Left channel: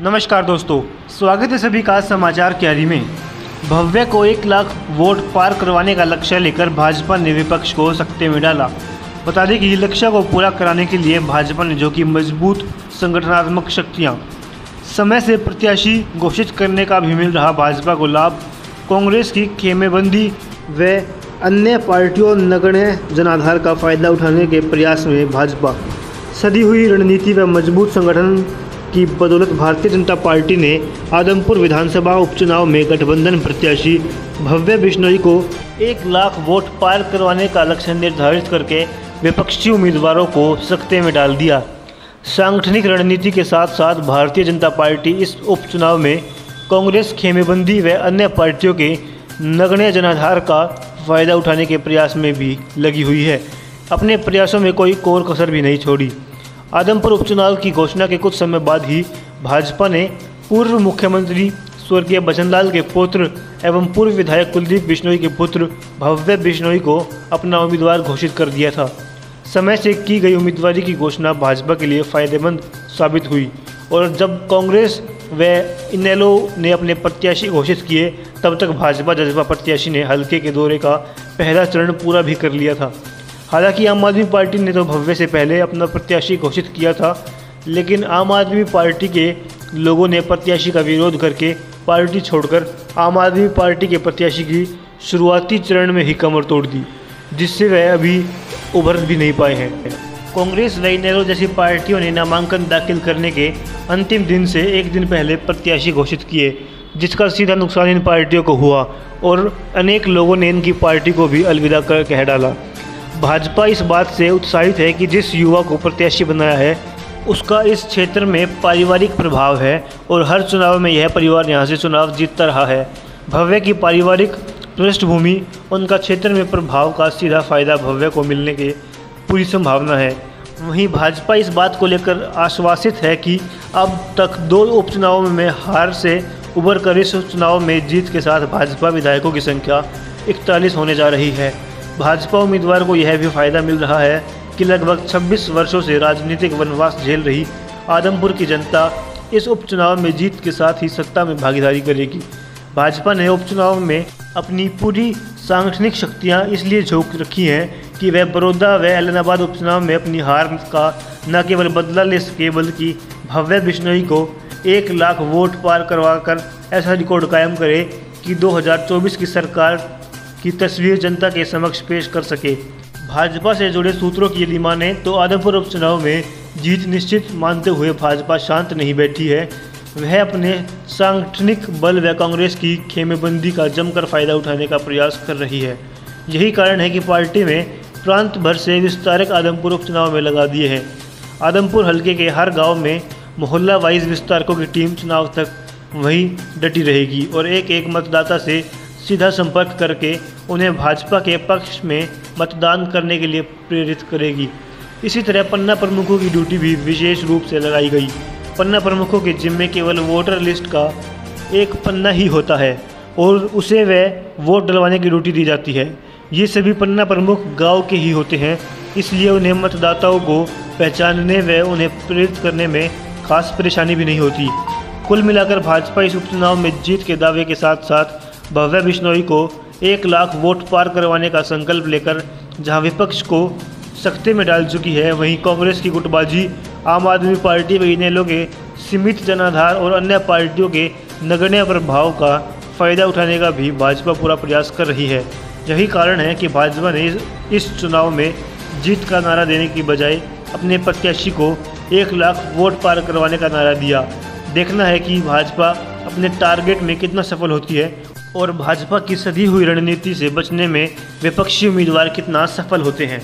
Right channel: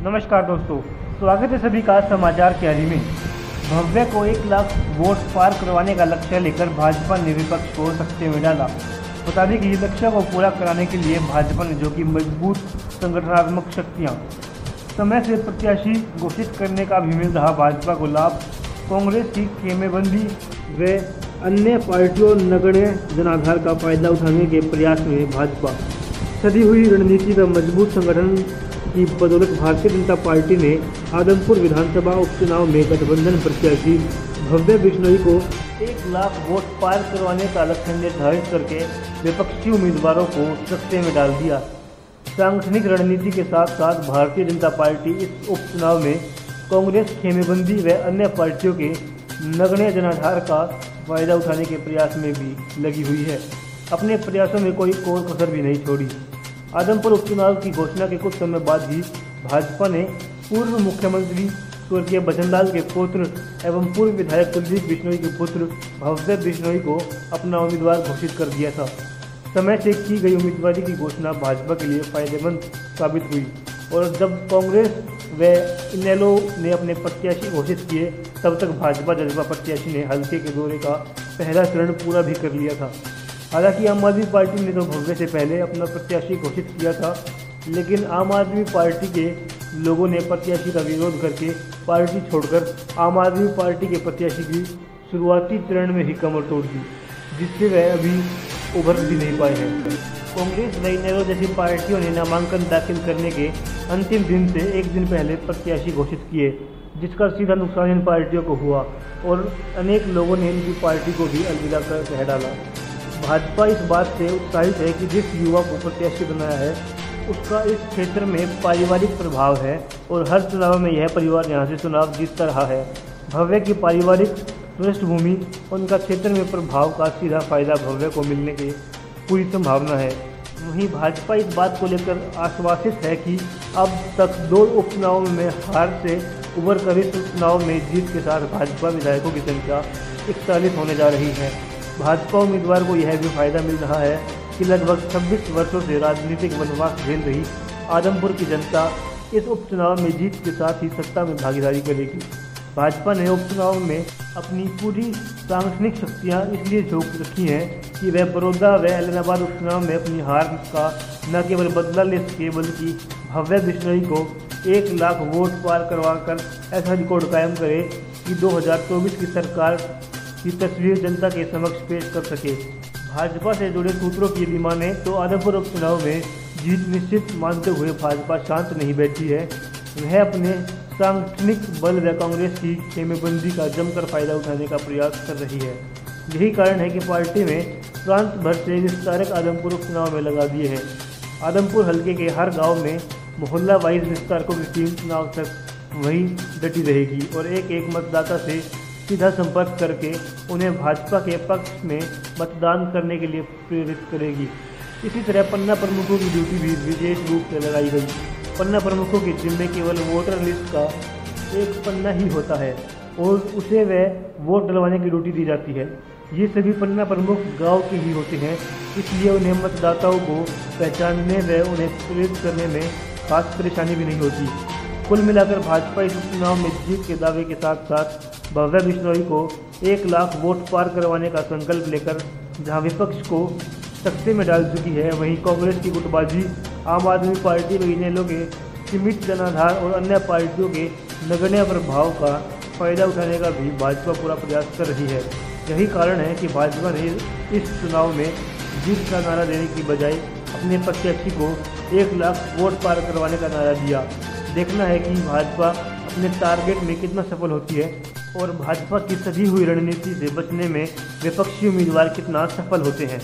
नमस्कार दोस्तों, स्वागत है सभी का समाचार क्यारी में। भव्य को 1 लाख वोट पार करवाने का लक्ष्य लेकर भाजपा ने विपक्ष को सकते में डाला। बता दें कि लक्ष्य को पूरा कराने के लिए भाजपा ने जो कि मजबूत संगठनात्मक शक्तियां समय से प्रत्याशी घोषित करने का भी मिल रहा भाजपा को लाभ, कांग्रेस की खेमेबंदी व अन्य पार्टियों नगण्य जनाधार का फायदा उठाने के प्रयास में भाजपा सदी हुई रणनीति व मजबूत संगठन की बदौलत भारतीय जनता पार्टी ने आदमपुर विधानसभा उपचुनाव में गठबंधन प्रत्याशी भव्य बिश्नोई को 1 लाख वोट पार करवाने का लक्ष्य निर्धारित करके विपक्षी उम्मीदवारों को सकते में डाल दिया। सांगठनिक रणनीति के साथ साथ भारतीय जनता पार्टी इस उपचुनाव में कांग्रेस खेमेबंदी व अन्य पार्टियों के नगण्य जनाधार का फायदा उठाने के प्रयास में भी लगी हुई है। अपने प्रयासों में कोई कोर कसर भी नहीं छोड़ी। आदमपुर उपचुनाव की घोषणा के कुछ समय बाद ही भाजपा ने पूर्व मुख्यमंत्री स्वर्गीय बचनलाल के पुत्र एवं पूर्व विधायक कुलदीप बिश्नोई के पुत्र भव्य बिश्नोई को अपना उम्मीदवार घोषित कर दिया था। समय से की गई उम्मीदवारी की घोषणा भाजपा के लिए फायदेमंद साबित हुई और जब कांग्रेस व इनेलो ने अपने प्रत्याशी घोषित किए तब तक भाजपा जजपा प्रत्याशी ने हल्के के दौरे का पहला चरण पूरा भी कर लिया था। हालांकि आम आदमी पार्टी ने तो भव्य से पहले अपना प्रत्याशी घोषित किया था, लेकिन आम आदमी पार्टी के लोगों ने प्रत्याशी का विरोध करके पार्टी छोड़कर आम आदमी पार्टी के प्रत्याशी की शुरुआती चरण में ही कमर तोड़ दी, जिससे वह अभी उभर भी नहीं पाए हैं। कांग्रेस व इनेलो जैसी पार्टियों ने नामांकन दाखिल करने के अंतिम दिन से एक दिन पहले प्रत्याशी घोषित किए, जिसका सीधा नुकसान इन पार्टियों को हुआ और अनेक लोगों ने इनकी पार्टी को भी अलविदा कर कह डाला। भाजपा इस बात से उत्साहित है कि जिस युवा को प्रत्याशी बनाया है उसका इस क्षेत्र में पारिवारिक प्रभाव है और हर चुनाव में यह परिवार यहां से चुनाव जीतता रहा है। भव्य की पारिवारिक पृष्ठभूमि, उनका क्षेत्र में प्रभाव का सीधा फायदा भव्य को मिलने की पूरी संभावना है। वहीं भाजपा इस बात को लेकर आश्वासित है कि अब तक 2 उपचुनावों में हार से उबर कर इस चुनाव में जीत के साथ भाजपा विधायकों की संख्या 41 होने जा रही है। भाजपा उम्मीदवार को यह भी फायदा मिल रहा है कि लगभग 26 वर्षों से राजनीतिक वनवास झेल रही आदमपुर की जनता इस उपचुनाव में जीत के साथ ही सत्ता में भागीदारी करेगी। भाजपा ने उपचुनाव में अपनी पूरी सांगठनिक शक्तियां इसलिए झोंक रखी हैं कि वह बड़ौदा व एलनाबाद उपचुनाव में अपनी हार का न केवल बदला ले सके बल्कि भव्य बिश्नोई को 1 लाख वोट पार करवाकर ऐसा रिकॉर्ड कायम करे कि 2024 की सरकार की तस्वीर जनता के समक्ष पेश कर सके। भाजपा से जुड़े सूत्रों की यदि माने तो आदमपुर उपचुनाव में जीत निश्चित मानते हुए भाजपा शांत नहीं बैठी है। वह अपने सांगठनिक बल व कांग्रेस की खेमेबंदी का जमकर फायदा उठाने का प्रयास कर रही है। यही कारण है कि पार्टी में प्रांत भर से विस्तारक आदमपुर उपचुनाव में लगा दिए हैं। आदमपुर हल्के के हर गाँव में मोहल्ला वाइज विस्तारकों की टीम चुनाव तक वहीं डटी रहेगी और एक मतदाता से सीधा संपर्क करके उन्हें भाजपा के पक्ष में मतदान करने के लिए प्रेरित करेगी। इसी तरह पन्ना प्रमुखों की ड्यूटी भी विशेष रूप से लगाई गई। पन्ना प्रमुखों के जिम्मे केवल वोटर लिस्ट का एक पन्ना ही होता है और उसे वह वोट डलवाने की ड्यूटी दी जाती है। ये सभी पन्ना प्रमुख गांव के ही होते हैं, इसलिए उन्हें मतदाताओं को पहचानने व उन्हें प्रेरित करने में खास परेशानी भी नहीं होती। कुल मिलाकर भाजपा इस उपचुनाव में जीत के दावे के साथ साथ भव्य बिश्नोई को 1 लाख वोट पार करवाने का संकल्प लेकर जहां विपक्ष को सकते में डाल चुकी है, वहीं कांग्रेस की गुटबाजी, आम आदमी पार्टी व इनेलो के सीमित जनाधार और अन्य पार्टियों के नगण्य प्रभाव का फायदा उठाने का भी भाजपा पूरा प्रयास कर रही है। यही कारण है कि भाजपा ने इस चुनाव में जीत का नारा देने की बजाय अपने प्रत्याशी को 1 लाख वोट पार करवाने का नारा दिया। देखना है कि भाजपा अपने टारगेट में कितना सफल होती है और भाजपा की सधी हुई रणनीति से बचने में विपक्षी उम्मीदवार कितना सफल होते हैं।